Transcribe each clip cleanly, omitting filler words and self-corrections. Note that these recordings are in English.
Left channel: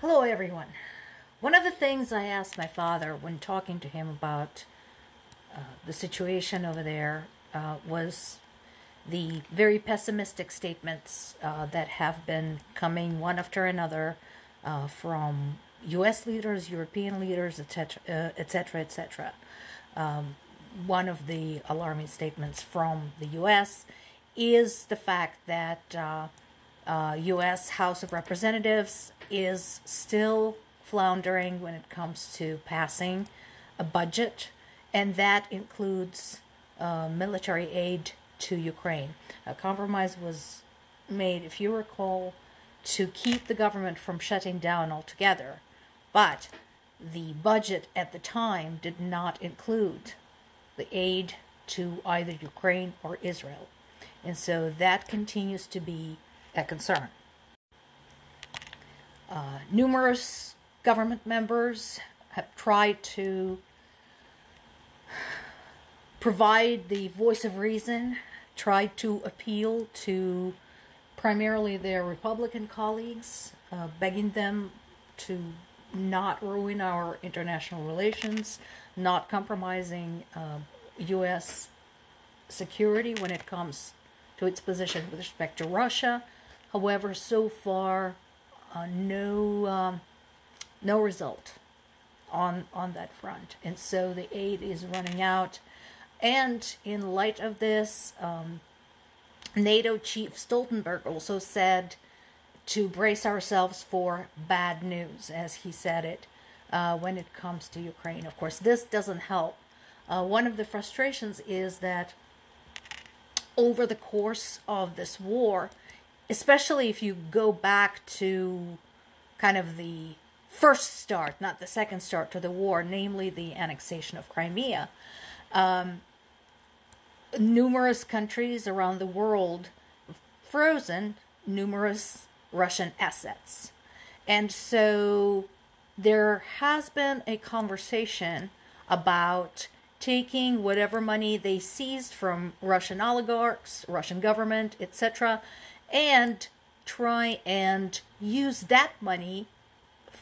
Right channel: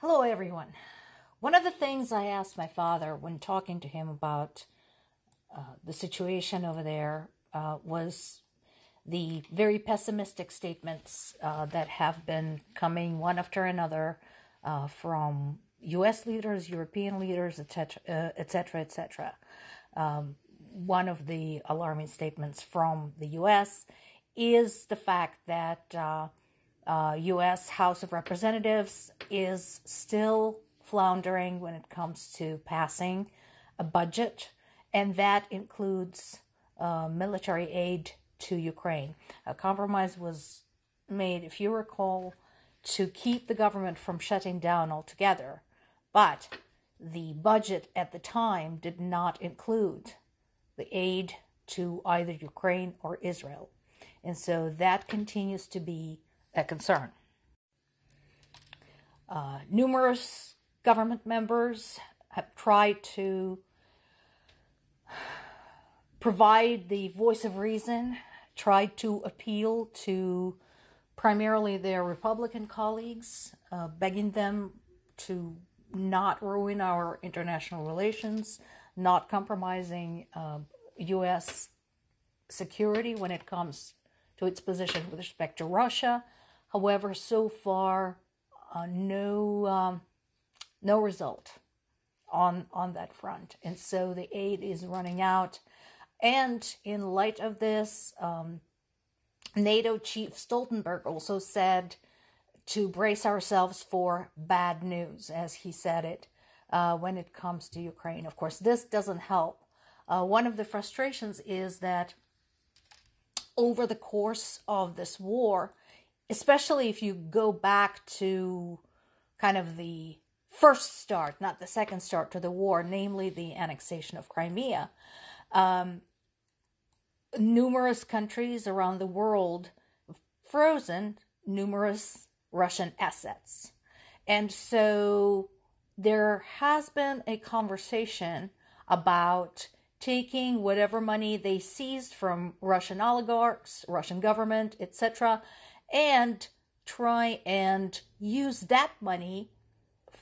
Hello, everyone. One of the things I asked my father when talking to him about the situation over there was the very pessimistic statements that have been coming one after another from U.S. leaders, European leaders, etc., etc., etc. One of the alarming statements from the U.S. is the fact that U.S. House of Representatives is still floundering when it comes to passing a budget, and that includes military aid to Ukraine. A compromise was made, if you recall, to keep the government from shutting down altogether, but the budget at the time did not include the aid to either Ukraine or Israel, and so that continues to be a concern. Numerous government members have tried to provide the voice of reason, tried to appeal to primarily their Republican colleagues, begging them to not ruin our international relations, not compromising U.S. security when it comes to its position with respect to Russia. However, so far, no result on that front, and so the aid is running out. And in light of this, NATO Chief Stoltenberg also said to brace ourselves for bad news, as he said it, when it comes to Ukraine. Of course, this doesn't help. One of the frustrations is that over the course of this war, especially if you go back to kind of the first start, not the second start to the war, namely the annexation of Crimea, numerous countries around the world frozen numerous Russian assets. And so there has been a conversation about taking whatever money they seized from Russian oligarchs, Russian government, etc., and try and use that money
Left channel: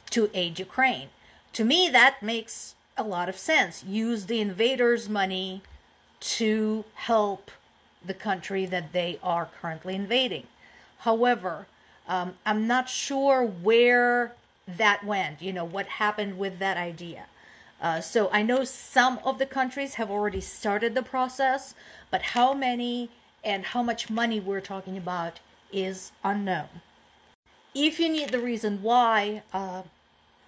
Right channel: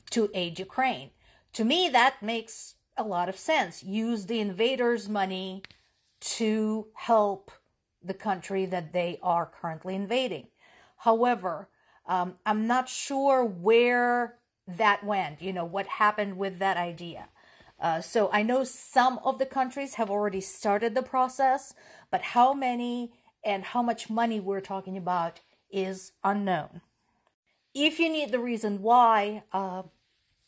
to aid Ukraine. To me, that makes a lot of sense. Use the invaders' money to help the country that they are currently invading. However, I'm not sure where that went, what happened with that idea. So I know some of the countries have already started the process, but how many and how much money we're talking about is unknown. If you need the reason why,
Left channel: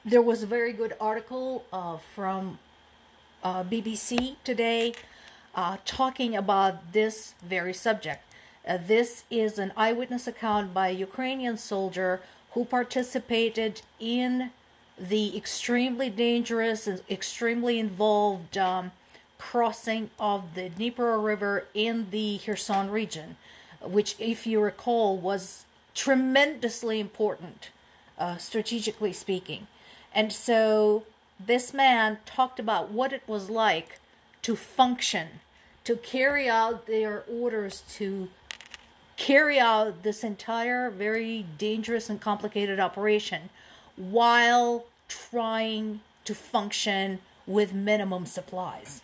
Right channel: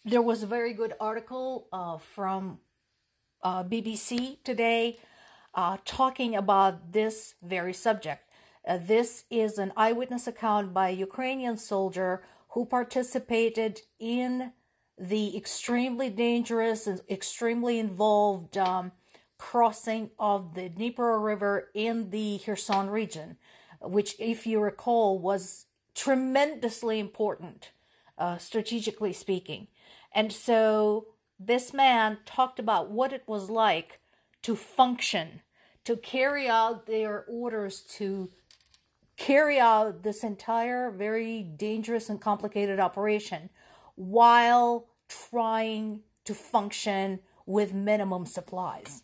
there was a very good article from BBC today talking about this very subject. This is an eyewitness account by a Ukrainian soldier who participated in the extremely dangerous and extremely involved crossing of the Dnieper River in the Kherson region, which, if you recall, was tremendously important, strategically speaking. And so this man talked about what it was like to function, to carry out their orders, to carry out this entire very dangerous and complicated operation while trying to function with minimum supplies.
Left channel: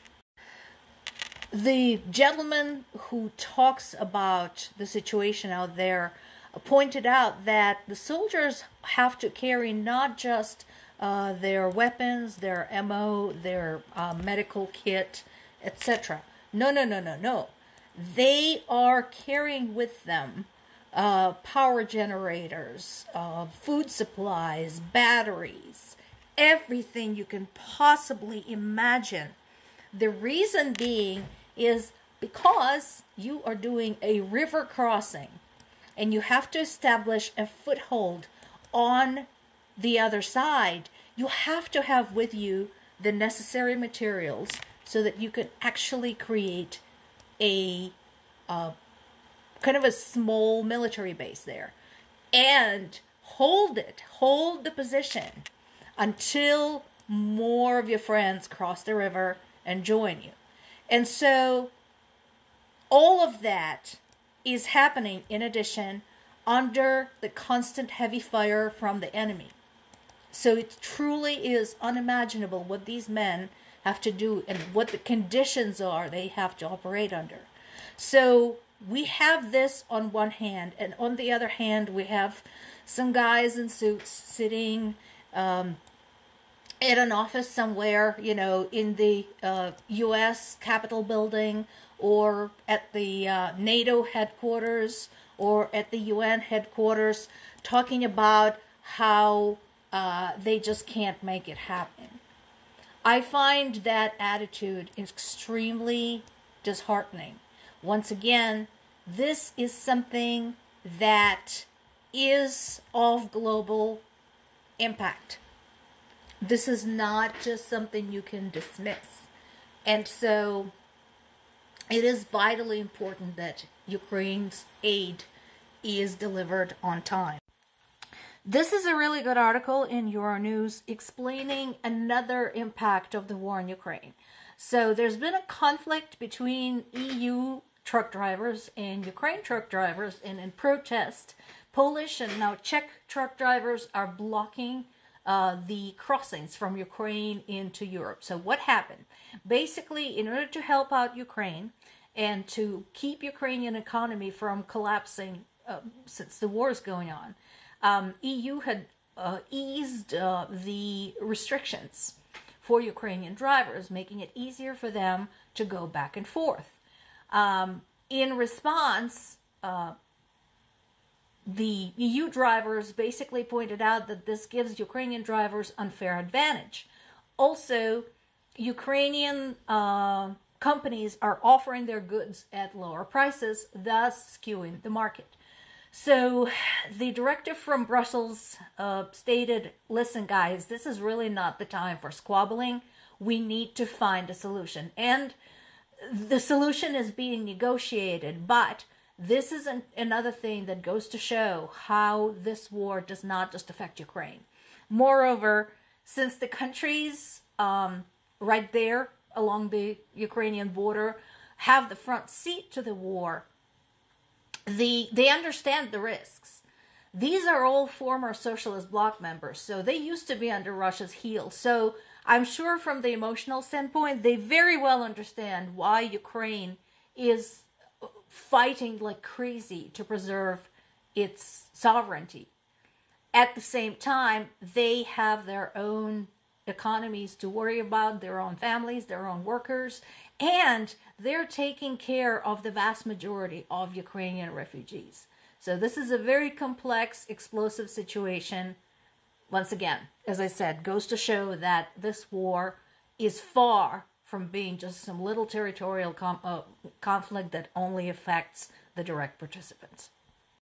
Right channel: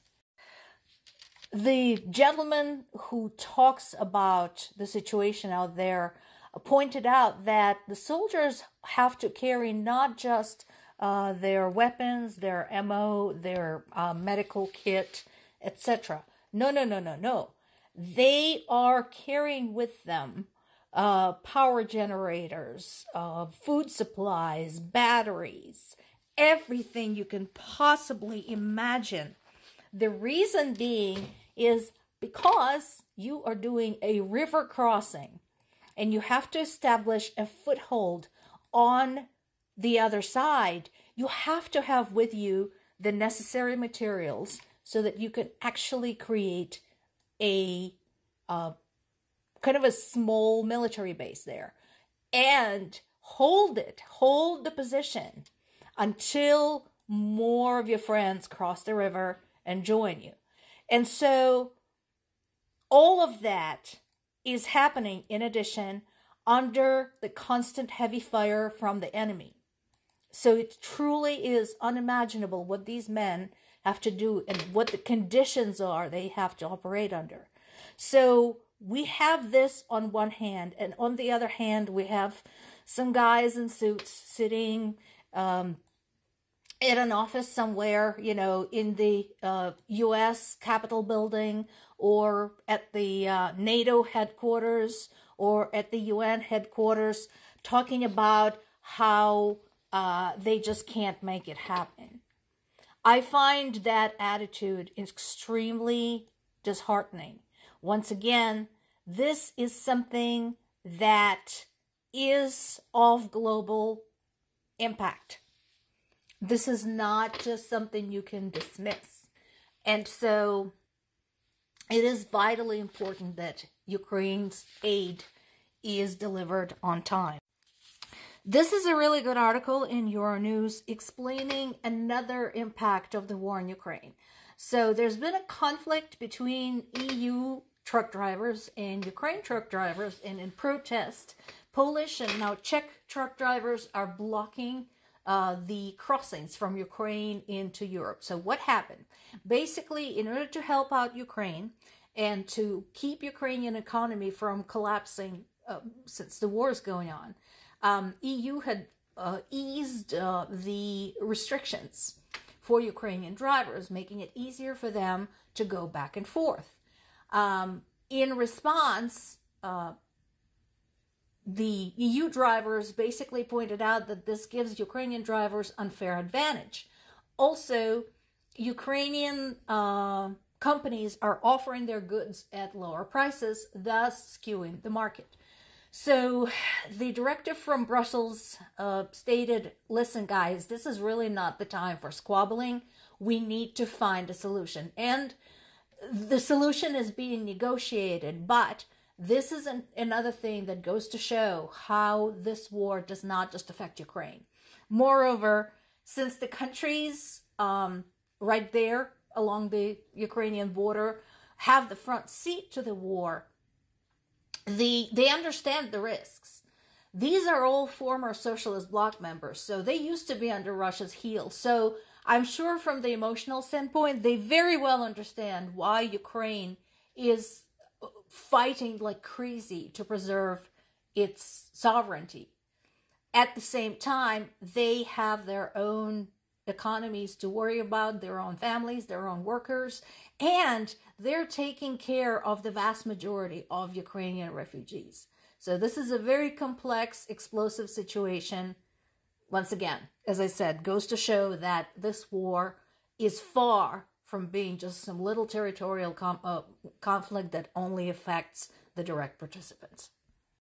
The gentleman who talks about the situation out there pointed out that the soldiers have to carry not just their weapons, their ammo, their medical kit, etc. No. They are carrying with them power generators, food supplies, batteries, everything you can possibly imagine. The reason being is because you are doing a river crossing and you have to establish a foothold on the other side. You have to have with you the necessary materials so that you can actually create a kind of a small military base there and hold the position until more of your friends cross the river and join you. And so all of that is happening in addition under the constant heavy fire from the enemy. So it truly is unimaginable what these men have to do and what the conditions are they have to operate under. So we have this on one hand, and on the other hand, we have some guys in suits sitting at an office somewhere, you know, in the U.S. Capitol building, or at the NATO headquarters, or at the UN headquarters, talking about how they just can't make it happen. I find that attitude extremely disheartening. Once again, this is something that is of global impact. This is not just something you can dismiss. And so it is vitally important that Ukraine's aid is delivered on time. This is a really good article in Euronews explaining another impact of the war in Ukraine. So there's been a conflict between EU truck drivers and Ukraine truck drivers, and in protest, Polish and now Czech truck drivers are blocking the crossings from Ukraine into Europe. So what happened? Basically, in order to help out Ukraine and to keep Ukrainian economy from collapsing since the war is going on, EU had eased the restrictions for Ukrainian drivers, making it easier for them to go back and forth. In response, the EU drivers basically pointed out that this gives Ukrainian drivers unfair advantage. Also, Ukrainian companies are offering their goods at lower prices, thus skewing the market. So the directive from Brussels stated, listen guys, this is really not the time for squabbling. We need to find a solution. And the solution is being negotiated, but this is another thing that goes to show how this war does not just affect Ukraine. Moreover, since the countries right there along the Ukrainian border have the front seat to the war, they understand the risks. These are all former socialist bloc members, so they used to be under Russia's heel. So I'm sure from the emotional standpoint, they very well understand why Ukraine is fighting like crazy to preserve its sovereignty. At the same time, they have their own economies to worry about, their own families, their own workers, and they're taking care of the vast majority of Ukrainian refugees. So this is a very complex, explosive situation. Once again, as I said, goes to show that this war is far from being just some little territorial conflict that only affects the direct participants.